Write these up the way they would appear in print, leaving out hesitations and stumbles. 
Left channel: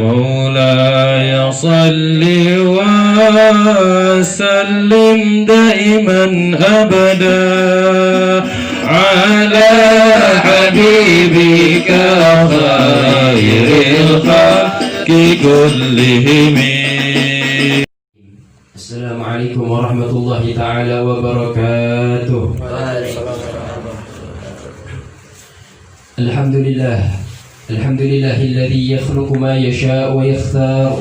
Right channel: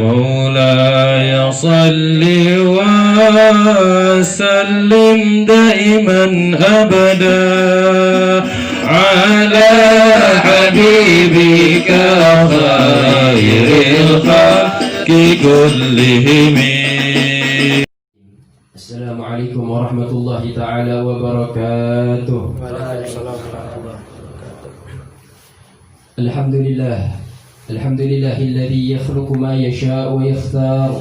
مولاي صل وسلم دائما أبدا على حبيبك خير الخلق كلهم. السلام عليكم ورحمة الله تعالى وبركاته. الحمد لله الذي يخلق ما يشاء ويختار.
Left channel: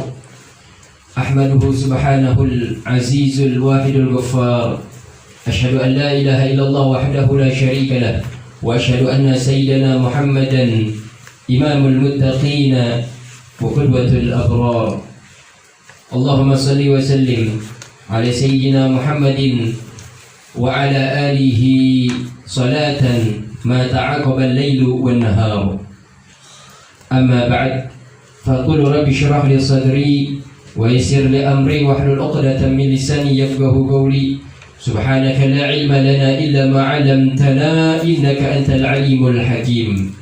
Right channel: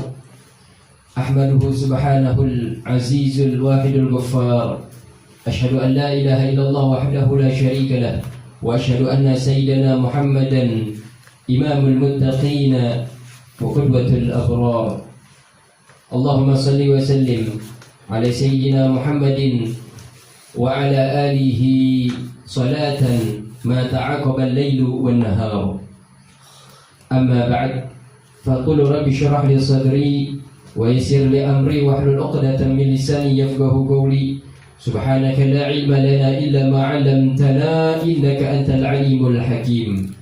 أحمده سبحانه العزيز الواحد الغفار. أشهد أن لا إله إلا الله وحده لا شريك له، وأشهد أن سيدنا محمدا إمام المتقين وقدوة الأبرار. اللهم صل وسلم على سيدنا محمد وعلى آله صلاة ما تعاقب الليل والنهار. أما بعد، فقل رب اشرح لي صدري ويسر لي أمري واحلل عقدة من لساني يفقهوا قولي. سبحانك لا علم لنا إلا ما علمتنا إنك أنت العليم الحكيم.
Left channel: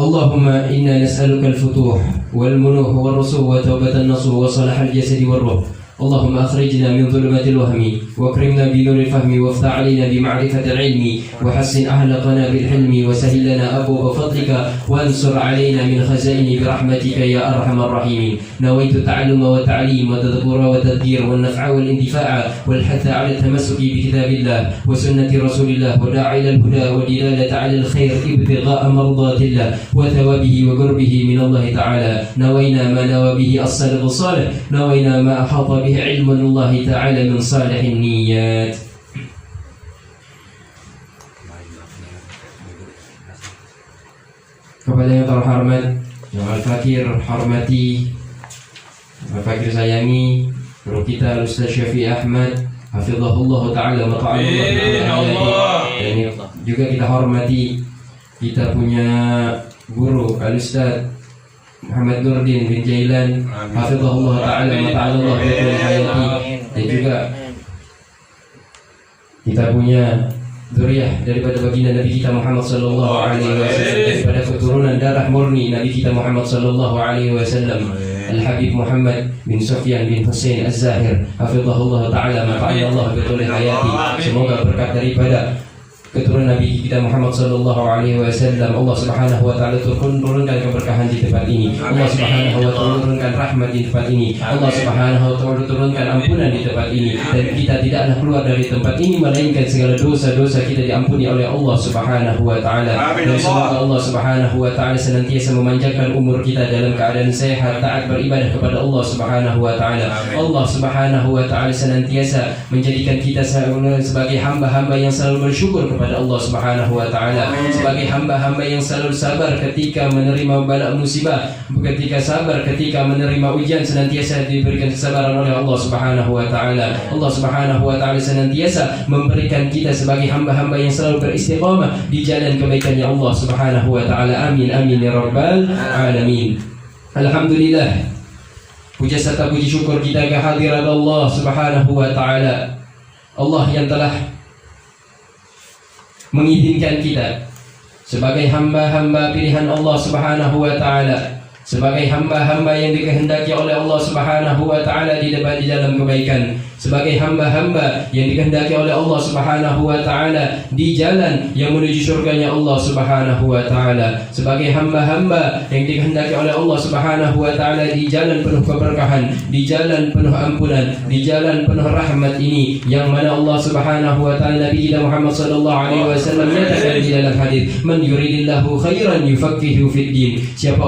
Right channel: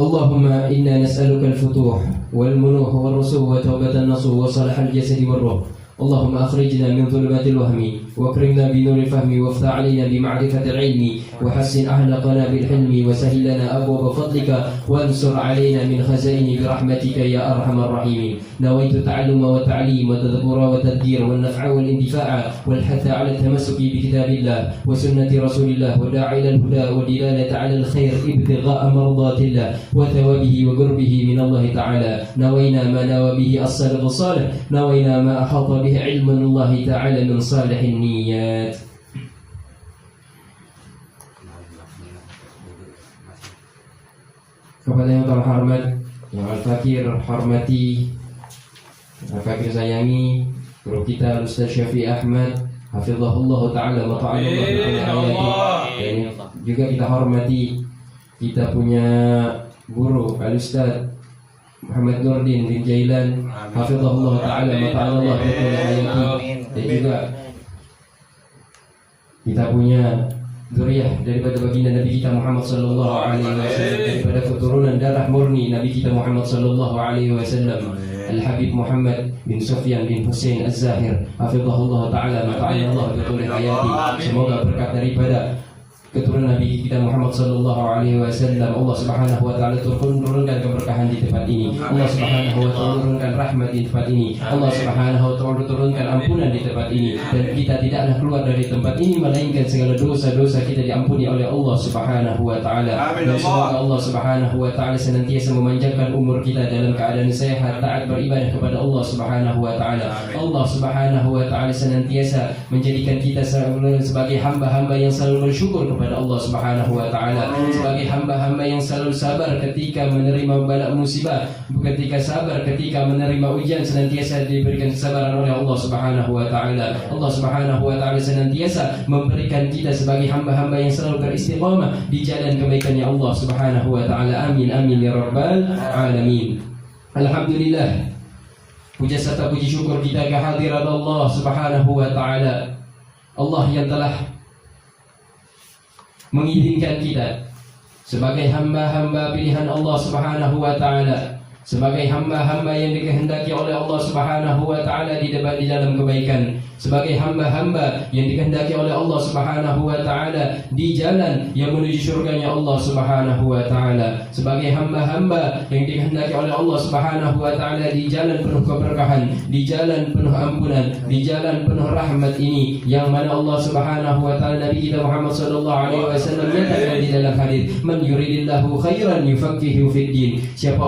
اللهم إنا نسألك الفتوح والمنوح والرسوح وتوبة النصوح وصلاح الجسد والروح. اللهم أخرجنا من ظلمات الوهم واكرمنا بنور الفهم وافتح علينا بمعرفة العلم وحسن أخلاقنا بالحلم وسهل لنا أبواب فضلك وانصر علينا من خزائن برحمتك يا أرحم الراحمين. نويت التعلم والتعليم والتدبر والتذكير والنفع والاندفاع والحث على التمسك بكتاب الله وسنة رسول الله وداعي إلى الهدى والدلالة على الخير ابتغاء مرضات الله وثوابه وقربه من الله تعالى. نوينا ما نوى به السلف الصالح، نوينا ما أحاط به علم الله تعالى من صالح النيات. Kepada yang terhormat, yang Al-Fakir hormati, Al-Fakir sayangi, guru kita Ustaz Syafi'i Ahmad hafizahullah ta'ala mata'ala, dan juga kita hormati kita punya guru Al-Ustaz Muhammad Nurdin bin Jailan hafizahullah ta'ala mata'ala dan juga kita punya zuriyah daripada baginda Nabi kita Muhammad sallallahu alaihi wasallam, daripada keturunan darah murni Nabi kita Muhammad sallallahu alaihi wasallam, Al-Habib Muhammad bin Sufyan bin Husain Az-Zahir hafizahullah ta'ala mata'ala bi tulil hayati. Semoga berkat daripada keturunan Nabi kita Muhammad sallallahu alaihi wasallam Allah Subhanahu wa taala turunkan keberkahan di tempat ini. Allah Subhanahu wa taala turunkan rahmat di tempat ini. Allah Subhanahu wa taala turunkan ampunan di tempat ini, dan kita tidak ada keluar dari tempat ini melainkan segala dosa-dosa kita diampuni oleh Allah Subhanahu wa taala. Dan semoga Allah Subhanahu wa taala senantiasa memanjangkan umur kita dalam keadaan sehat, taat beribadah kepada Allah Subhanahu wa taala. Allah Subhanahu wa taala senantiasa menjadikan kita sebagai hamba-hamba yang selalu bersyukur kepada Allah Subhanahu wa taala, sebagai hamba-hamba yang selalu sabar ketika menerima bala musibah, ketika sabar ketika menerima ujian, senantiasa diberikan kesabaran oleh Allah Subhanahu wa taala. Allah Subhanahu wa taala senantiasa memberikan kita sebagai hamba-hamba yang selalu beristiqamah di jalan kebaikannya Allah Subhanahu wa taala. Amin amin ya rabbal alamin. Alhamdulillah, puja serta puji syukur kita kehadirat Allah Subhanahu wa taala. Allah yang telah mengizinkan kita sebagai hamba-hamba pilihan Allah Subhanahu wa taala, sebagai hamba-hamba yang dikehendaki oleh Allah Subhanahu wa taala di dalam kebaikan, sebagai hamba-hamba yang dikehendaki oleh Allah Subhanahu wa taala di jalan yang menuju surganya Allah Subhanahu wa taala, sebagai hamba-hamba yang dikehendaki oleh Allah Subhanahu wa taala di jalan penuh keberkahan, di jalan penuh ampunan, di jalan penuh rahmat ini, yang mana Allah Subhanahu wa taala Nabi kita Muhammad sallallahu alaihi wasallam nyatakan di dalam hadis, man yuridillahu khairan yufaqihu fid din. Siapa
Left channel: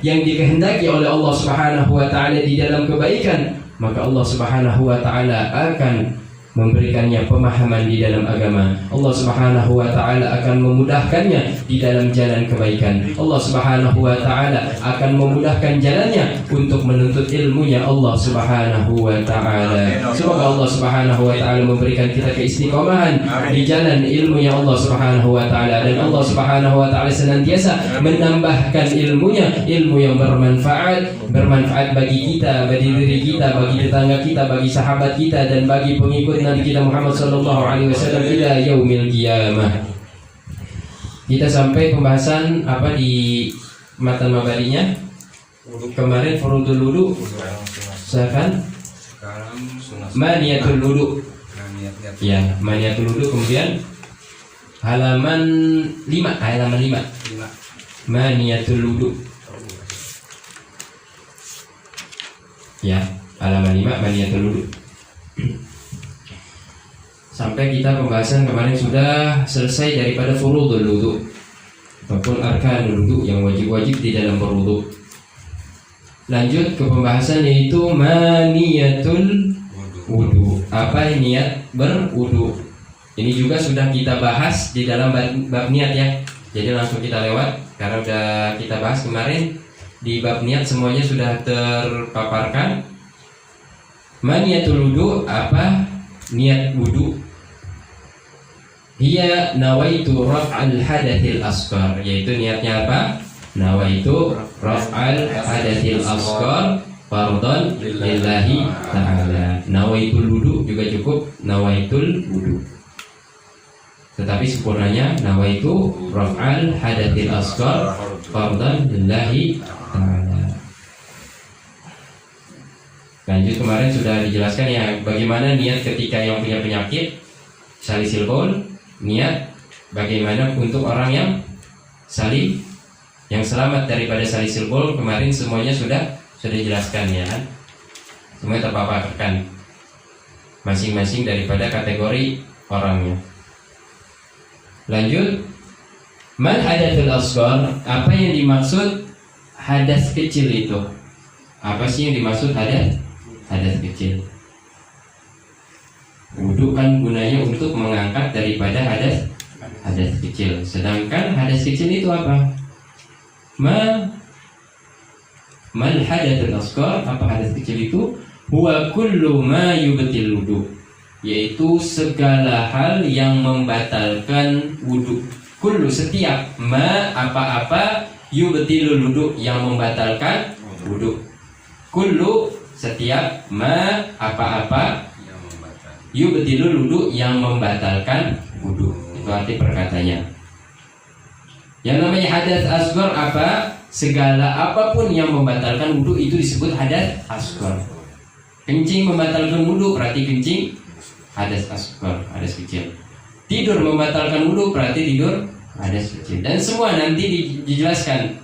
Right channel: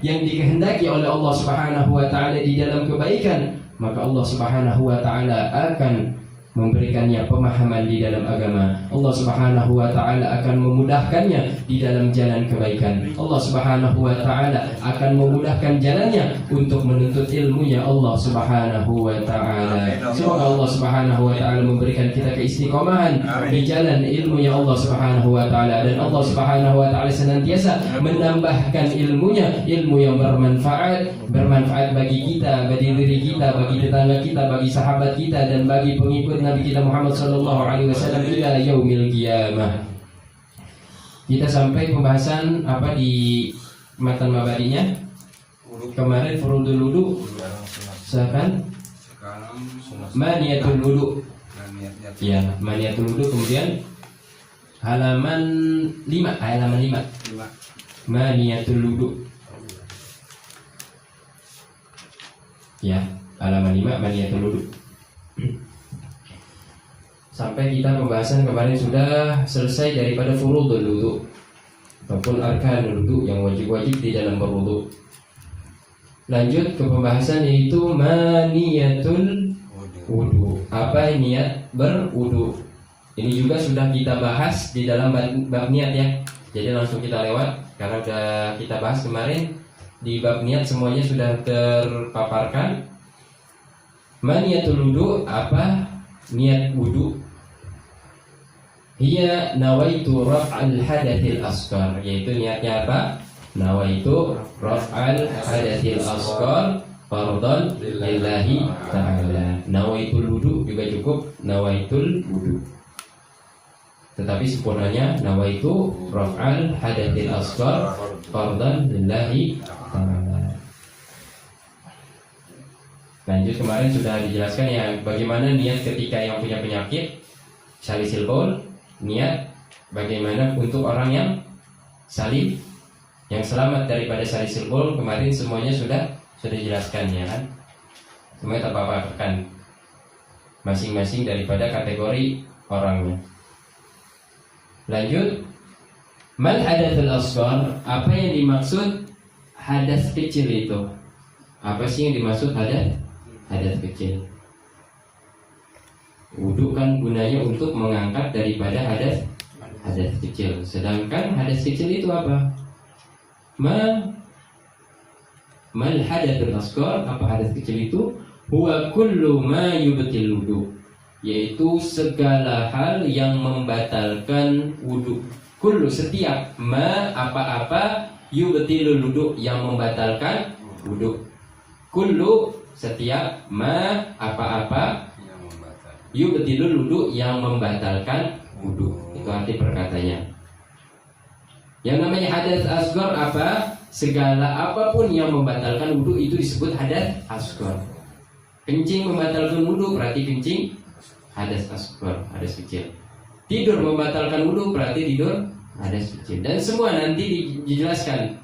yang dikehendaki oleh Allah Subhanahu wa taala di dalam kebaikan, maka Allah Subhanahu wa taala akan memberikannya pemahaman di dalam agama. Allah Subhanahu wa taala akan memudahkannya di dalam jalan kebaikan. Allah Subhanahu wa taala akan memudahkan jalannya untuk menuntut ilmunya Allah Subhanahu wa taala. Semoga Allah Subhanahu wa taala memberikan kita keistiqomahan di jalan ilmunya Allah Subhanahu wa taala, dan Allah Subhanahu wa taala senantiasa menambahkan ilmunya, ilmu yang bermanfaat bagi kita, bagi diri kita, bagi tetangga kita, bagi sahabat kita, dan bagi pengikut Nabi kita Muhammad sallallahu alaihi wasallam ila yaumil qiyamah. Kita sampai pembahasan apa di matan mabadinya kemarin, furudul wudu. Sekarang maniyatul wudu. Ya, maniyatul wudu. Kemudian halaman 5, maniyatul wudu. Ya, halaman 5 maniyatul wudu. Sampai kita pembahasan kemarin sudah selesai daripada furudul wudu ataupun arkanul wudu yang wajib-wajib di dalam berwudu. Lanjut ke pembahasan yaitu maniyatul wudu. Apa niat berwudu? Ini juga sudah kita bahas di dalam bab niat ya. Jadi langsung kita lewat karena sudah kita bahas kemarin di bab niat, semuanya sudah terpaparkan. Maniyatul wudu, apa niat wudu? Hiya nawaitu raf'al hadathil asghar, yaitu niatnya apa? Nawaitu raf'al hadathil asghar fardhan lillahi ta'ala. Nawaitul wudu juga cukup, nawaitul wudu. Tetapi sempurnanya nawaitu raf'al hadathil asghar fardhan lillahi ta'ala. Lanjut, kemarin sudah dijelaskan ya bagaimana niat ketika yang punya penyakit salisil baul, niat bagaimana untuk orang yang salim, yang selamat daripada salisil baul. Kemarin semuanya sudah dijelaskan ya kan, semuanya terpaparkan masing-masing daripada kategori orangnya. Lanjut, man hadathul asghar, apa yang dimaksud hadas kecil itu? Apa sih yang dimaksud hadas kecil? Wudu kan gunanya untuk mengangkat daripada hadas kecil. Sedangkan hadas kecil itu apa? Mal hadathul asghar, apa hadas kecil itu? Huwa kullu ma yubtil wudu, yaitu segala hal yang membatalkan wudu. Kullu, setiap, ma apa-apa, yubtilul wudu, yang membatalkan wudu. Kullu, setiap, ma apa-apa, yubtilul wudu, yang membatalkan wudu. Itu arti perkataannya. Yang namanya hadas asghar apa? Segala apapun yang membatalkan wudu itu disebut hadas asghar. Kencing membatalkan wudu berarti kencing hadas asghar, hadas kecil. Tidur membatalkan wudu berarti tidur hadas kecil. Dan semua nanti dijelaskan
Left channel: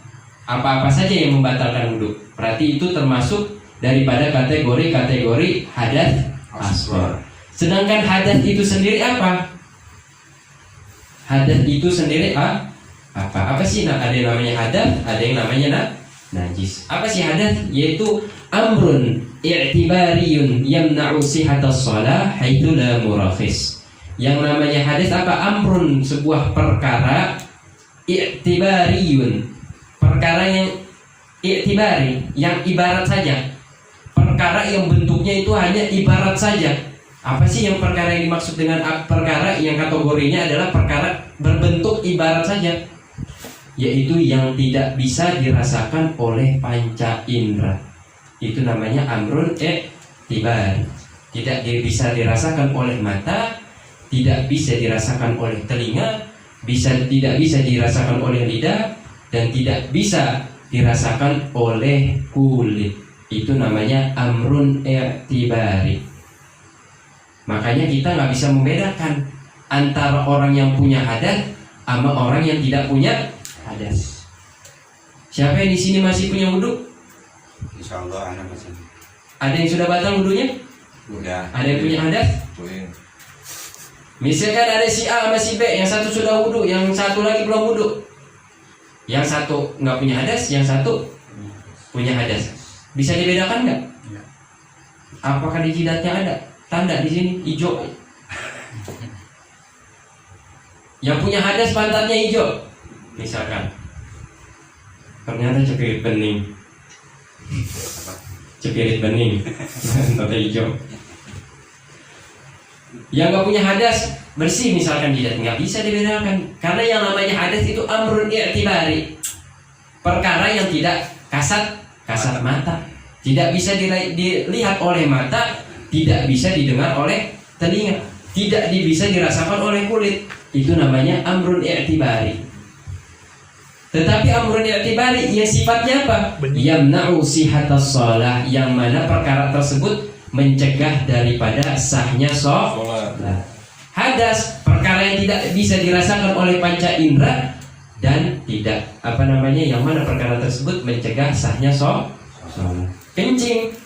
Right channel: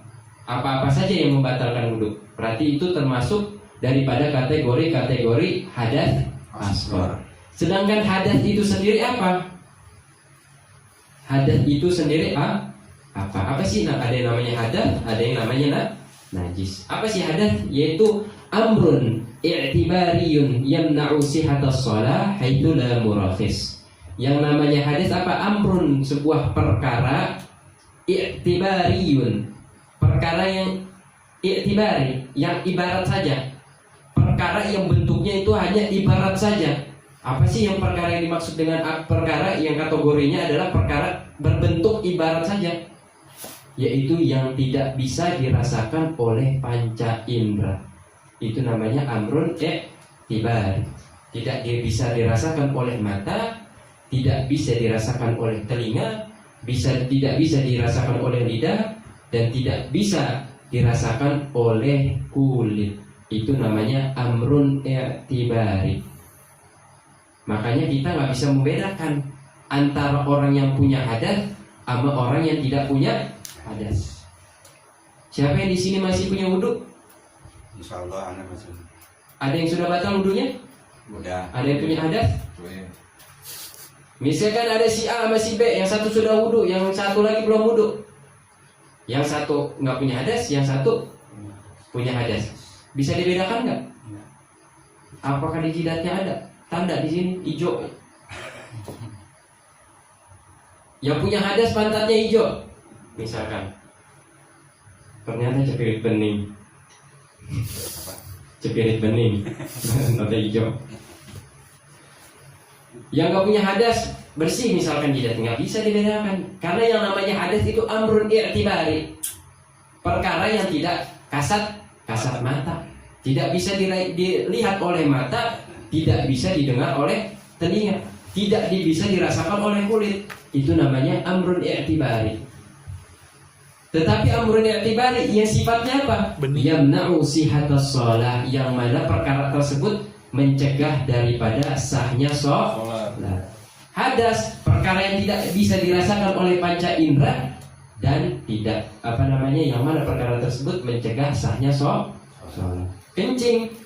apa-apa saja yang membatalkan wudu. Berarti itu termasuk daripada kategori hadas asghar. Sedangkan hadas itu sendiri apa? Hadas itu sendiri apa? Apa sih? Nah, ada yang namanya hadas, ada yang namanya najis. Apa sih hadas? Yaitu amrun i'tibariyun yamna'u sihhatas shalah haitsu la murakhis. Yang namanya hadas apa? Amrun, sebuah perkara, i'tibariyun, perkara yang i'tibari, yang ibarat saja. Perkara yang bentuknya itu hanya ibarat saja. Apa sih yang perkara yang dimaksud dengan perkara yang kategorinya adalah perkara berbentuk ibarat saja? Yaitu yang tidak bisa dirasakan oleh panca indera. Itu namanya amrun i'tibari. Tidak bisa dirasakan oleh mata, tidak bisa dirasakan oleh telinga, tidak bisa dirasakan oleh lidah, dan tidak bisa dirasakan oleh kulit. Itu namanya amrun i'tibari. Makanya kita nggak bisa membedakan antara orang yang punya hadas sama orang yang tidak punya hadas. Siapa yang di sini masih punya wudu? Insya Allah anak masih. Ada yang sudah batal wudunya? Udah. Ada yang punya hadas? Misalkan ada si A sama si B, yang satu sudah wudu, yang satu lagi belum wudu. Yang satu nggak punya hadas, yang satu punya hadas. Bisa dibedakan nggak? Apakah di jidatnya ada tanda di sini hijau? Yang punya hadas pantatnya hijau, misalkan. Ternyata cepirit bening. Cepirit bening, pantatnya hijau. Yang nggak punya hadas bersih misalkan jidat, nggak bisa dibedakan karena yang namanya hadas itu amrun i'tibari, perkara yang tidak kasat mata, tidak bisa dilihat oleh mata, tidak bisa didengar oleh telinga, tidak bisa dirasakan oleh kulit. Itu namanya amrun i'tibari. Tetapi amrun i'tibari yang sifatnya apa? Yamna'u sihatas shalah, yang mana perkara tersebut mencegah daripada sahnya sholat. Hadas, perkara yang tidak bisa dirasakan oleh panca indera dan tidak yang mana perkara tersebut mencegah sahnya sholat. Kencing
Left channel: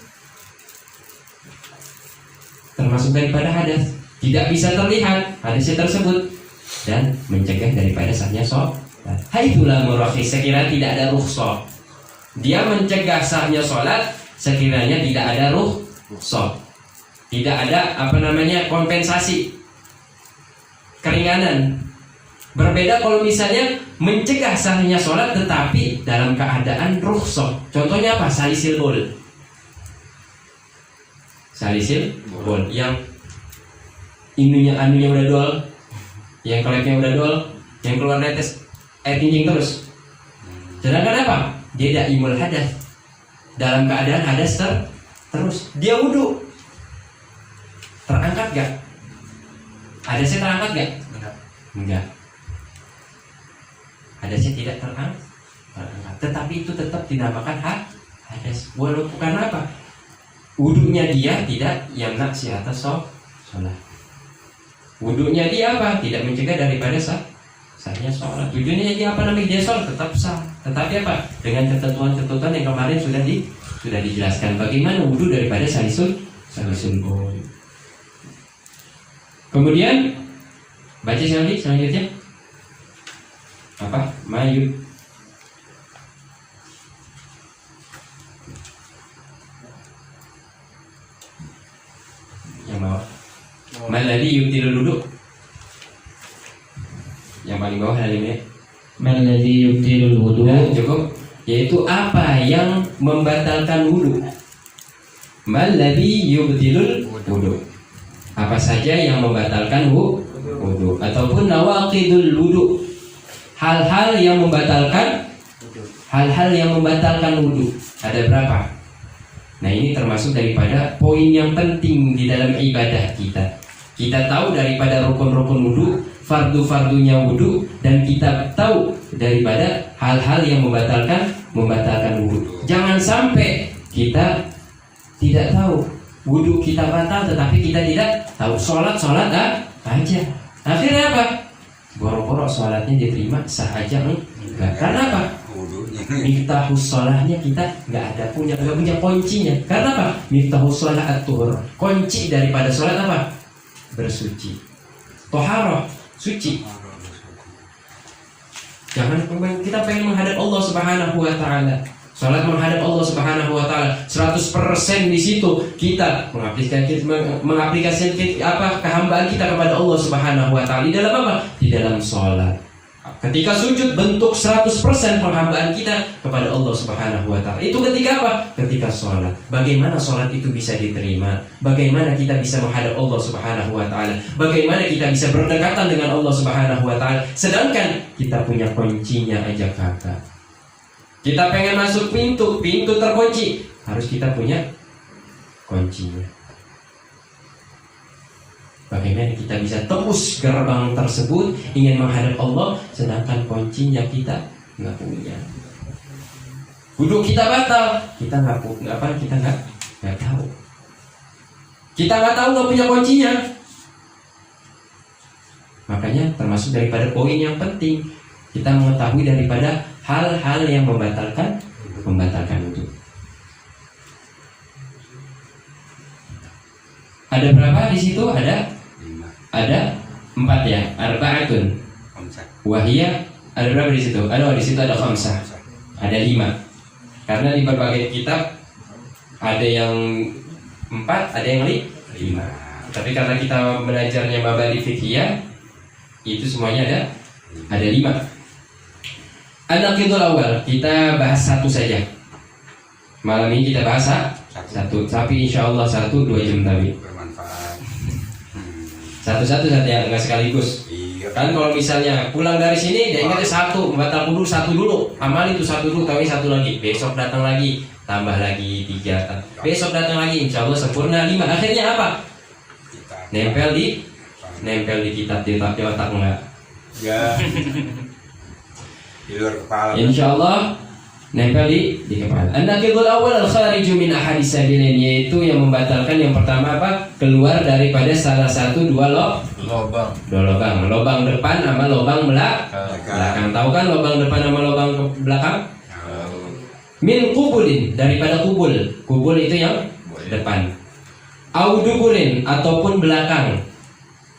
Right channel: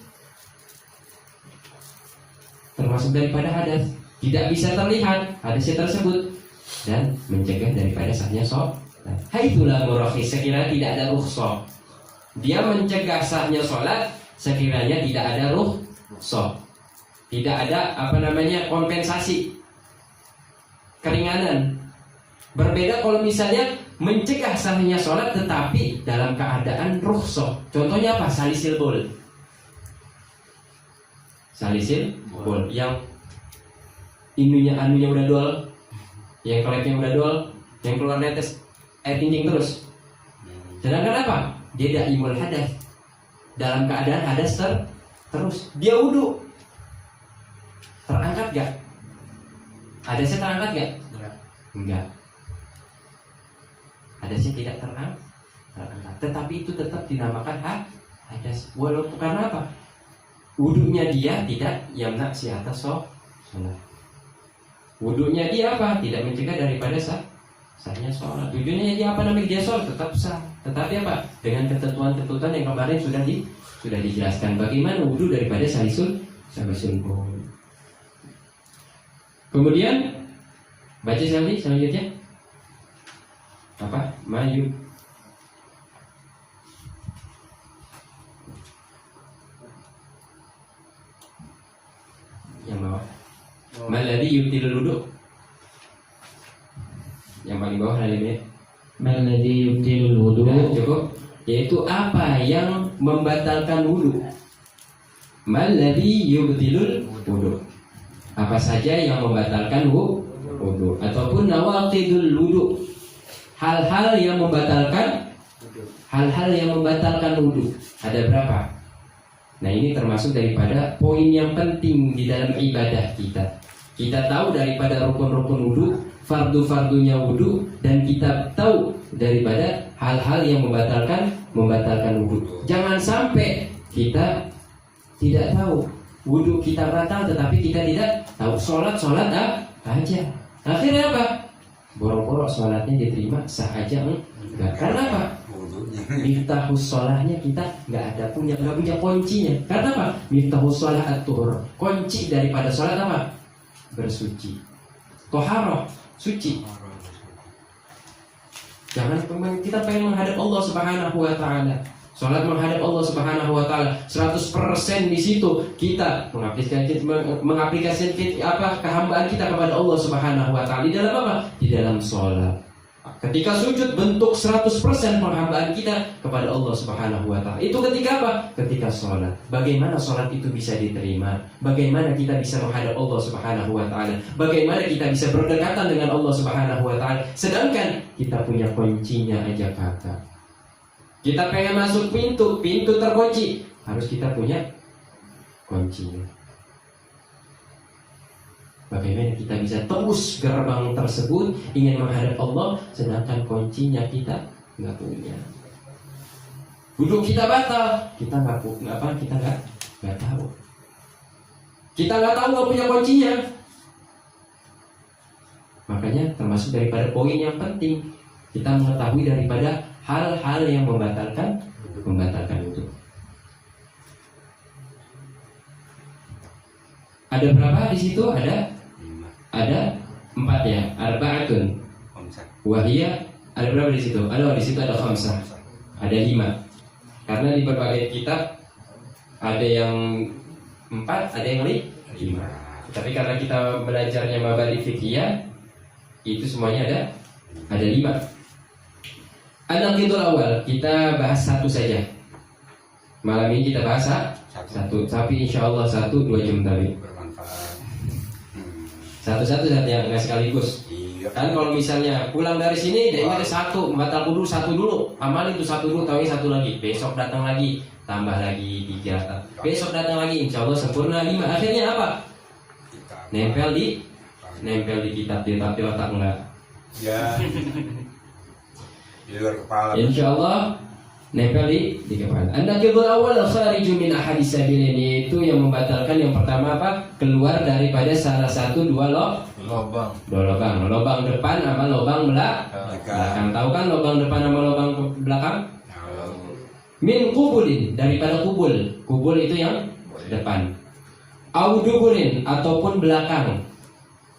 termasuk daripada hadas, tidak bisa terlihat hadasnya tersebut dan mencegah daripada sahnya sholat. Haitsulah murakhis, sekiranya tidak ada rukhsah, dia mencegah sahnya sholat sekiranya tidak ada rukhsah, tidak ada kompensasi, keringanan. Berbeda kalau misalnya mencegah sahnya sholat tetapi dalam keadaan rukhsah. Contohnya apa? Salisil bol yang anunya udah dol, yang klepnya udah dol, yang keluar netes air kencing terus. Sedangkan apa? Dia daimul hadas, dalam keadaan hadas terus. Dia wudu, terangkat gak? Hadasnya terangkat gak? Enggak. Hadasnya tidak terangkat. Tetapi itu tetap dinamakan hadas. Walaupun karena apa? Wudunya dia tidak yamna sihatas sholat. Wudunya dia apa? Tidak mencegah daripada sahnya sholat. Wudunya dia dia sholat tetap sah. Tetapi apa? Dengan ketentuan-ketentuan yang kemarin sudah dijelaskan. Bagaimana wudu daripada salisul bol. Kemudian baca selanjutnya apa? Mayub yang bawah. Maladi yubtilul wudu. Yang paling bawah halimnya. Maladi yubtilul wudu. Nah, cukup. Yaitu apa yang membatalkan wudu. Maladi yubtilul wudu. Apa saja yang membatalkan wudu ataupun nawaqidul wudu. Hal-hal yang membatalkan wudu. Ada berapa? Nah, ini termasuk daripada poin yang penting di dalam ibadah kita. Kita tahu daripada rukun-rukun wudu, fardu-fardunya wudu, dan kita tahu daripada hal-hal yang membatalkan wudu. Jangan sampai kita tidak tahu wudu kita batal, tetapi kita tidak tahu. Sholat aja. Akhirnya apa? Boro-boro sholatnya diterima, sah aja enggak. Karena apa? Miftahus sholahnya kita nggak punya kuncinya. Karena apa? Miftahus sholah at-tuhur. Kunci daripada sholat apa? Bersuci. Toharoh, suci. Jangan kita pengen menghadap Allah Subhanahu wa taala. Salat menghadap Allah Subhanahu wa taala 100% di situ kita mengaplikasikan kehambaan kita kepada Allah Subhanahu wa taala. Di dalam apa? Di dalam salat. Ketika sujud bentuk 100% penghambaan kita kepada Allah Subhanahu wa taala. Itu ketika apa? Ketika salat. Bagaimana salat itu bisa diterima? Bagaimana kita bisa menghadap Allah Subhanahu wa taala? Bagaimana kita bisa berdekatan dengan Allah Subhanahu wa taala sedangkan kita punya kuncinya aja kagak. Kita pengen masuk pintu terkunci, harus kita punya kuncinya. Bagaimana kita bisa tembus gerbang tersebut ingin menghadap Allah sedangkan kuncinya kita nggak punya. Wudu kita batal, kita nggak tahu. Kita nggak tahu, nggak punya kuncinya. Makanya termasuk daripada poin yang penting kita mengetahui daripada hal-hal yang membatalkan wudu. Ada berapa di situ? Ada 4 ya. Arba'atun. Wahia ada berapa di situ? Di situ ada khamsah. Ada 5. Karena di berbagai kitab ada yang 4, ada yang 5. Tapi karena kita belajarnya mabadi fiqhiyah, itu semuanya ada 5. An-naqidul awal, kita bahas 1 saja. Malam ini kita bahas 1, tapi insya Allah 1-2 jam tadi. Bermanfaat. Satu-satu ya, nggak sekaligus. Iya. Kan kalau misalnya pulang dari sini, dia ingatnya 1, batal wudu 1 dulu. Amal itu 1 dulu, tapi 1 lagi. Besok datang lagi, tambah lagi 3. Besok datang lagi, insya Allah sempurna 5. Akhirnya apa? Nempel di kitab, di otak enggak. Ya. Di luar kepala. Insyaallah nempel di kepala. An-naqidul awal al-khariju min ahadis sabilin, yaitu yang membatalkan yang pertama apa? Keluar daripada salah satu dua lubang. Lubang depan sama lubang belakang. Tahu kan lubang depan sama lubang belakang? Min kubulin, daripada kubul. Kubul itu yang depan. Auduburin ataupun belakang.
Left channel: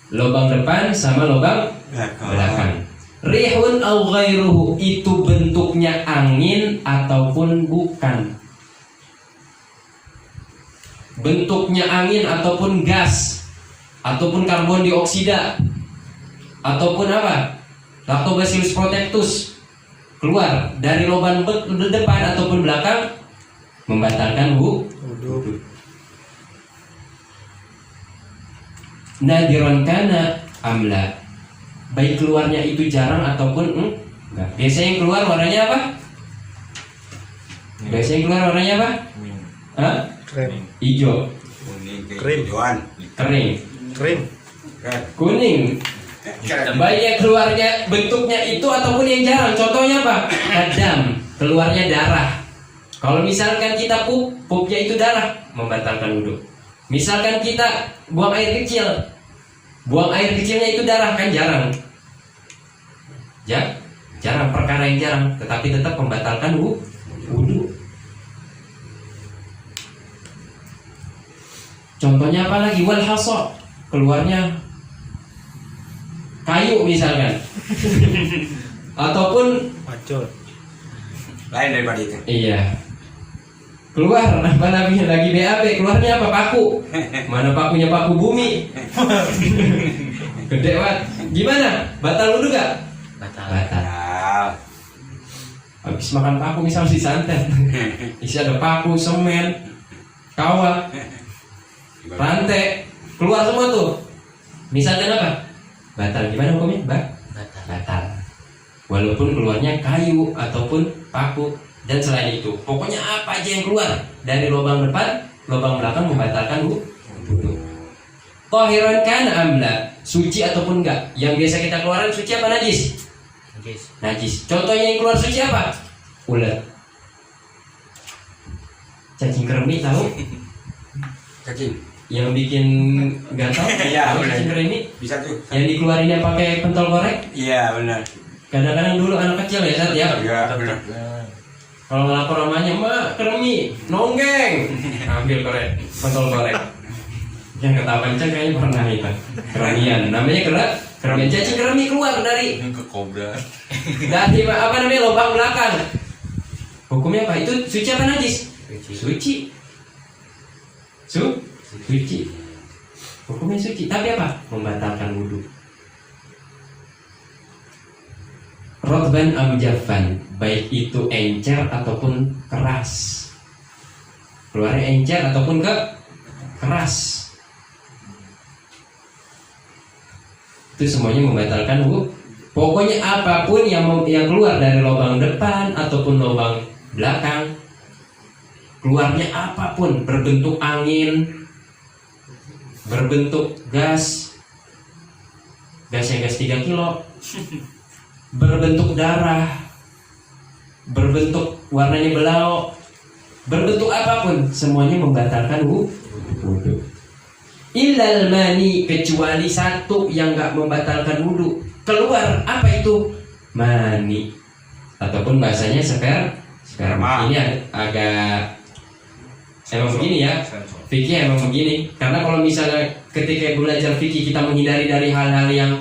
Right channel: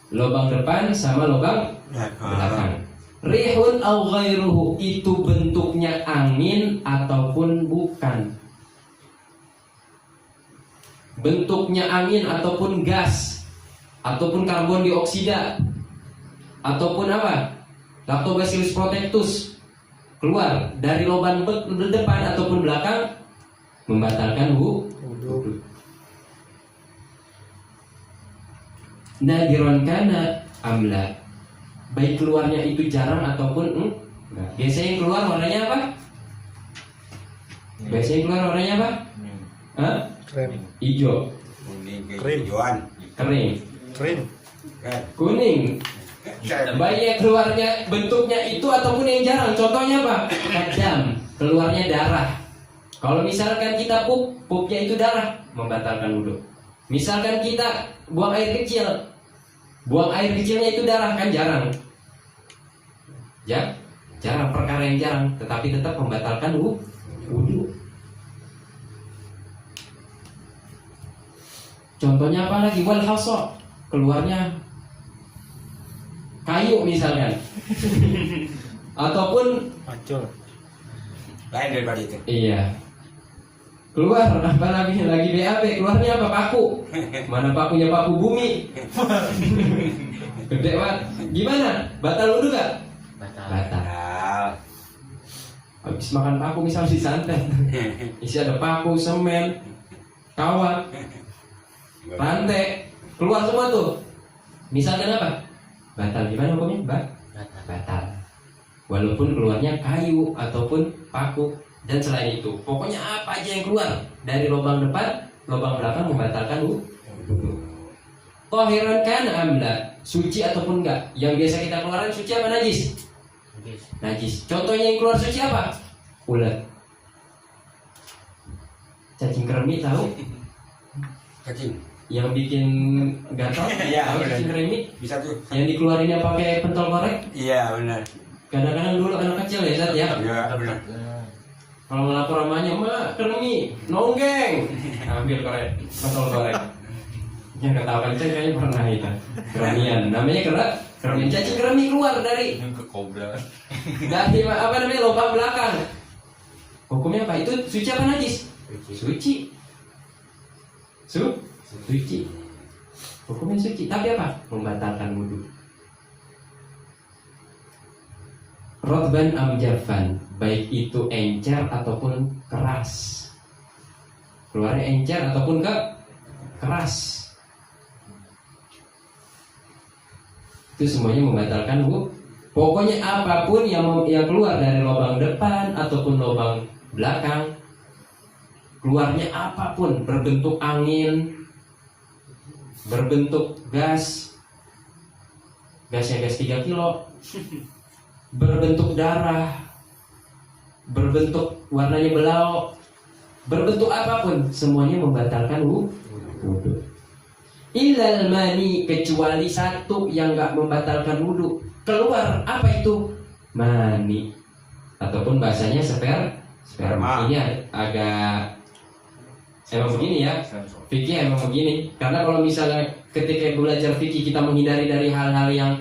Lubang depan sama lubang belakang. Rihun au ghairuhu, itu bentuknya angin ataupun bukan. Bentuknya angin ataupun gas, ataupun karbon dioksida, ataupun apa? Lactobacillus protectus keluar dari lubang depan ataupun belakang, membatalkan wudu. Nadiran kana amla, baik keluarnya itu jarang ataupun enggak. Biasanya yang keluar warnanya apa? Biasanya yang keluar warnanya apa? Hah? Hijau. Kuning Kering. hijauan. Kering. Kuning. Baik yang keluarnya bentuknya itu ataupun yang jarang. Contohnya apa? Kadam, keluarnya darah. Kalau misalkan kita pupnya itu darah, membatalkan wudhu. Misalkan kita buang air kecil, buang air kecilnya itu darah, kan jarang. Jarang, perkara yang jarang, tetapi tetap membatalkan wudhu. Contohnya apa lagi? Wal hasad, keluarnya kayu misalkan. Ataupun Macul. Lain daripada itu. iya. Keluar apa lagi BAB, keluarnya apa? Paku. Mana pakunya? Paku bumi. Gede banget. Gimana? Batal wudhu gak? Batal. Habis makan paku misalnya di santet. Isi ada paku, semen, kawat, rantai, keluar semua tuh. Misalkan apa? Batal. Gimana hukumnya? Batal. Walaupun keluarnya kayu ataupun paku dan selain itu, pokoknya apa aja yang keluar dari lubang depan, lubang belakang membatalkan wudhu. Tahiran kan amla, suci ataupun enggak? Yang biasa kita keluaran suci apa najis? Najis. Contohnya yang keluar suci apa? Ulat. Cacing kremi tahu? Cacing. Yang bikin gatal? Iya, Tahu benar. cacing kremi? Bisa tuh. Yang dikeluarinnya pakai pentol korek? Iya benar. Kadang-kadang dulu anak kecil ya Sat ya. Iya benar. Kalau ngelapor mamanya, "Mak, kremi, nonggeng." Ambil korek, pentol korek. Yang ketawa kencang kayaknya pernah itu. Keremian, namanya keremian. Cacing kremi keluar dari Ini ke kobra. apa namanya, lubang belakang. Hukumnya apa? Itu suci apa najis? Suci. Suci. Hukumnya suci, tapi apa? Membatalkan wudhu. Rotban am jaffan, baik itu encer ataupun keras. Keluarnya encer ataupun keras. Itu semuanya membatalkan wudhu. Pokoknya apapun yang keluar dari lubang depan ataupun lubang belakang, keluarnya apapun, berbentuk angin, berbentuk gas yang gas 3 kilo, berbentuk darah, berbentuk warnanya belau, berbentuk apapun, semuanya membatalkan wudhu. Illal mani, kecuali satu yang nggak membatalkan wudhu. Keluar apa itu? Mani, ataupun bahasanya sperma. Ini agak emang begini ya. Fikih emang begini. Karena kalau misalnya ketika belajar fikih kita menghindari dari hal-hal yang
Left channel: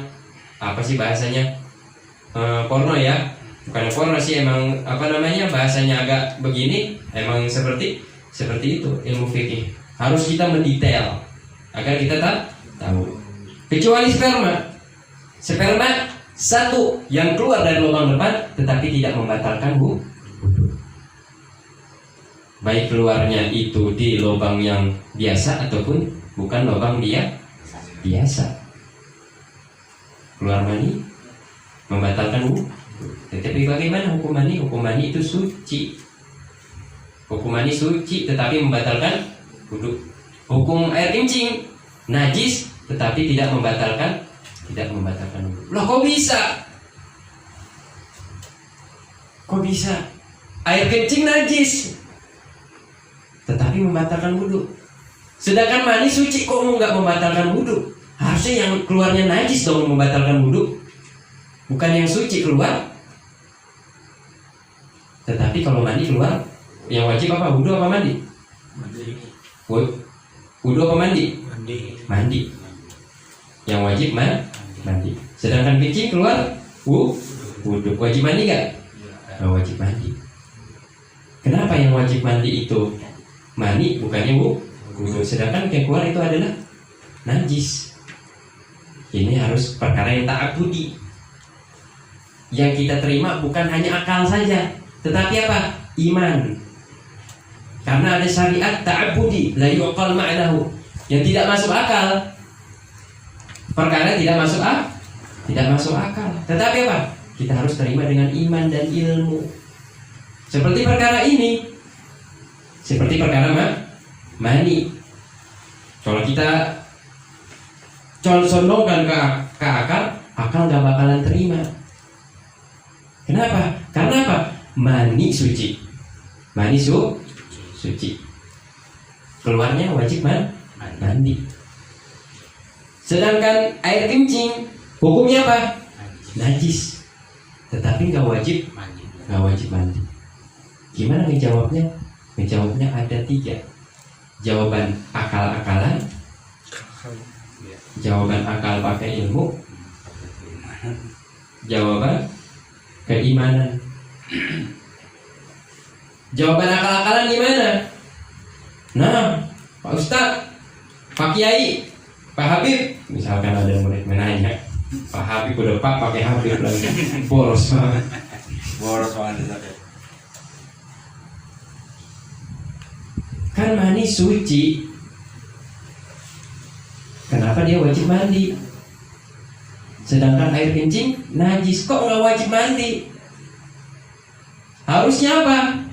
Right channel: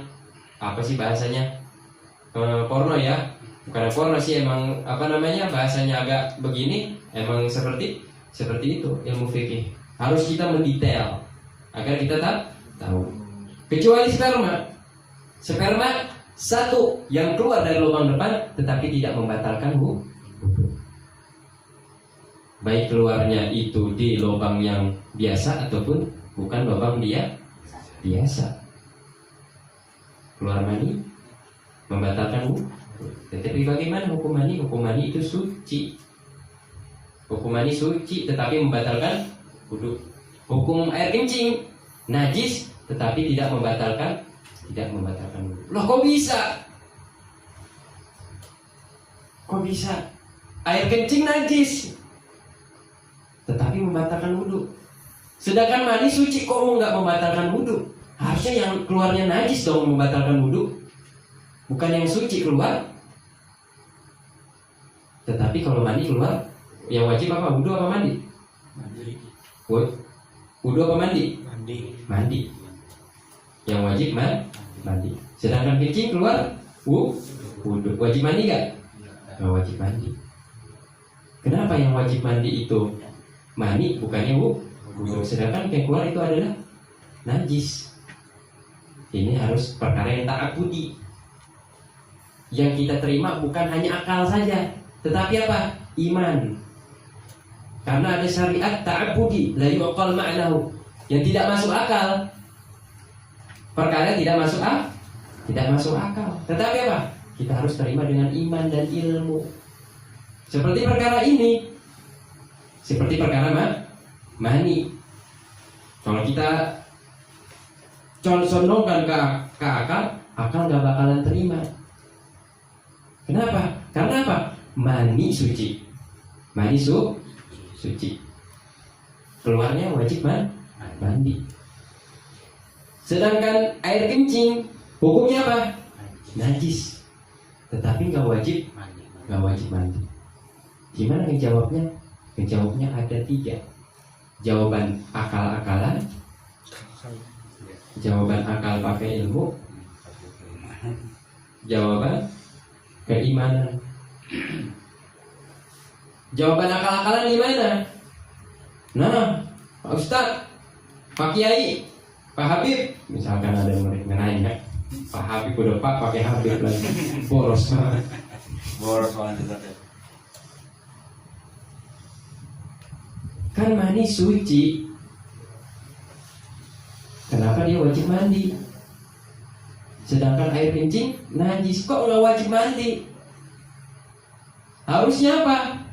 apa sih bahasanya, porno ya, bukan porno sih, emang apa namanya, bahasanya agak begini. Emang seperti itu ilmu fikih. Harus kita mendetail agar kita tahu. Kecuali sperma satu yang keluar dari lubang depan tetapi tidak membatalkan wudhu. Baik keluarnya itu di lubang yang biasa ataupun bukan lubang biasa. Keluar mani membatalkan wudhu. Tetapi bagaimana hukum mani? Hukum mani itu suci. Hukum mani suci tetapi membatalkan wudhu. Hukum air kencing najis tetapi tidak membatalkan wudhu. Loh kok bisa? Kok bisa? Air kencing najis, tetapi membatalkan wudhu. Sedangkan mani suci, kok mau nggak membatalkan wudhu? Harusnya yang keluarnya najis dong membatalkan wudhu, bukan yang suci keluar. Tetapi kalau mani keluar, yang wajib apa? Wudhu apa mandi? Wudhu apa mandi? Mandi. Yang wajib mandi. Sedangkan kencing keluar, wudhu. Wajib mandi nggak? Nggak wajib mandi. Kenapa yang wajib mandi itu mani, bukannya wudhu? Sedangkan yang keluar itu adalah najis. Ini harus perkara yang ta'abudi. Yang kita terima bukan hanya akal saja, tetapi apa? Iman. Karena ada syariat ta'abudi, la yuqal ma'nahu, yang tidak masuk akal. Perkara tidak masuk akal. Tetapi apa? Kita harus terima dengan iman dan ilmu. Seperti perkara ini, seperti perkara mani. Kalau kita condongkan ke akal nggak bakalan terima. Kenapa? Karena apa? Mani suci. Mani suci. Keluarnya wajib mandi. Sedangkan air kencing hukumnya apa? Najis. Tetapi nggak wajib mandi. Gimana ngejawabnya? Ngejawabnya ada 3. Jawaban akal-akalan, jawaban akal pakai ilmu, jawaban keimanan. Jawaban akal-akalan gimana? Nah, Pak Ustadz, Pak Kiai, Pak Habib, misalkan ada murid menanya, Pak Habib udah pakai Habib lagi, boros banget. Kan mani suci, kenapa dia wajib mandi? Sedangkan air kencing najis, kok nggak wajib mandi? Harusnya apa?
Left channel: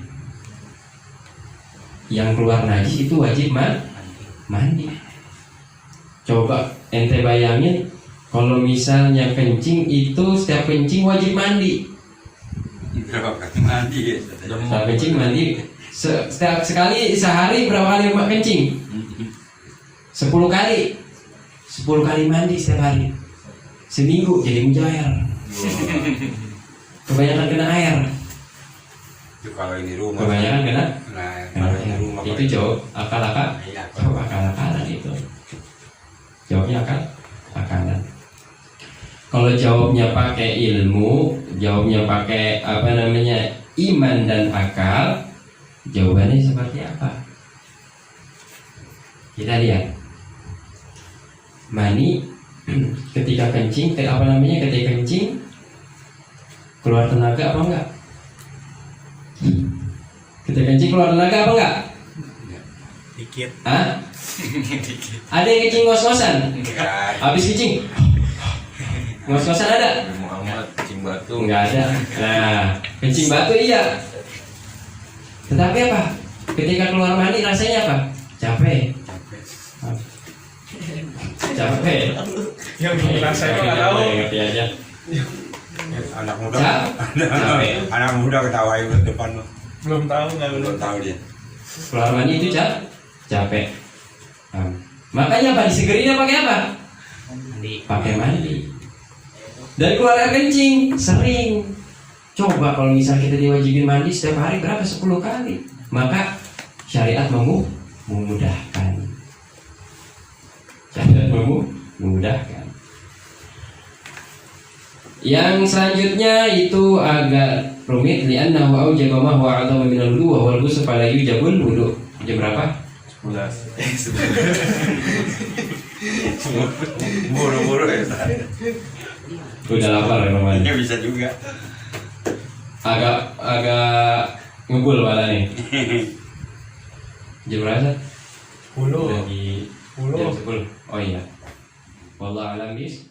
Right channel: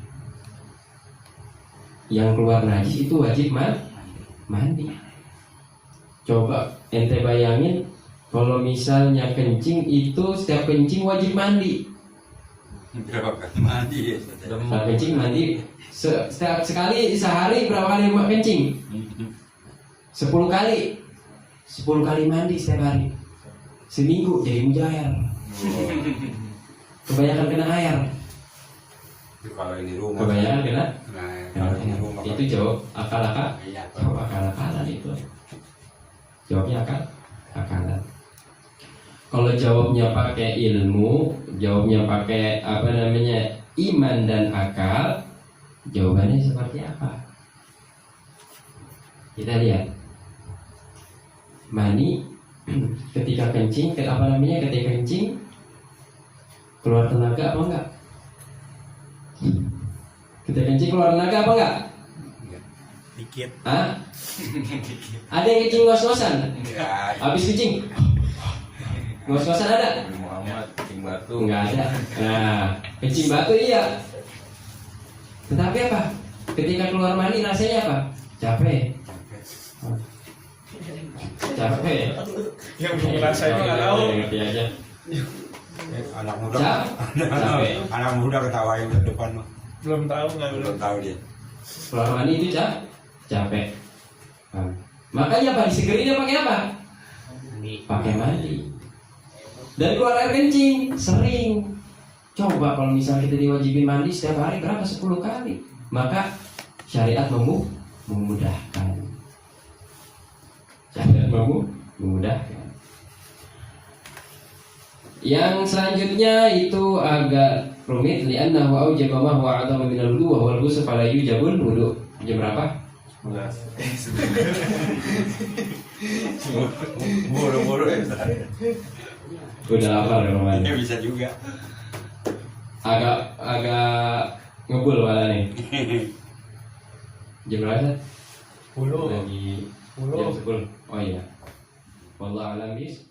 Yang keluar najis itu wajib mandi. Coba ente bayangin, kalau misalnya kencing itu setiap kencing wajib mandi. Berapa kali mandi? Setiap kencing mandi. Setiap sekali sehari berapa kali kencing? 10 kali. 10 kali mandi setiap hari. Seminggu jadi mujair. Kebanyakan kena air. Itu kalau ini rumah. Kebanyakan kena Kalau ini rumah. itu jawab akal-akalan. Jawab akal-akalan itu. Jawabnya akal-akalan. Kalau jawabnya pakai ilmu, jawabnya pakai iman dan akal, jawabannya seperti apa? Kita lihat. Mani ketika kencing, ketika kencing keluar tenaga apa enggak? Ketika kencing keluar tenaga apa enggak? Dikit. Hah? Ada yang kencing ngos-ngosan? Habis kencing ngos-ngosan ada? Muhammad kencing batu. Enggak ada. Nah, kencing batu iya. Tetapi apa? Ketika keluar mani rasanya apa? Capek. Yang ngerasain nggak tahu. Ngerti aja. Anak muda. Capek. Anak muda ketawain ke depan lo. Belum tahu nggak Belum tahu dia. Keluar mani itu capek. Makanya apa? Disegerinnya pakai apa? Pakai mandi. Dan keluar air kencing sering. Coba kalau misalnya kita diwajibin mandi setiap hari berapa? 10 kali. Maka syariat memudahkan. Syariat memudahkan. Yang selanjutnya itu agak rumit, li'annahu aujaba ma huwa a'dhamu min al-wudu wa huwa al-ghusl fala yujabul wudu. Jam berapa? 11. Buru-buru ya. Udah lapar ya Roman. Ini bisa juga. Agak ngebul malah nih. Jam berapa? 10. Lagi 10. jam 10. Oh iya. Wallahu a'lam bis.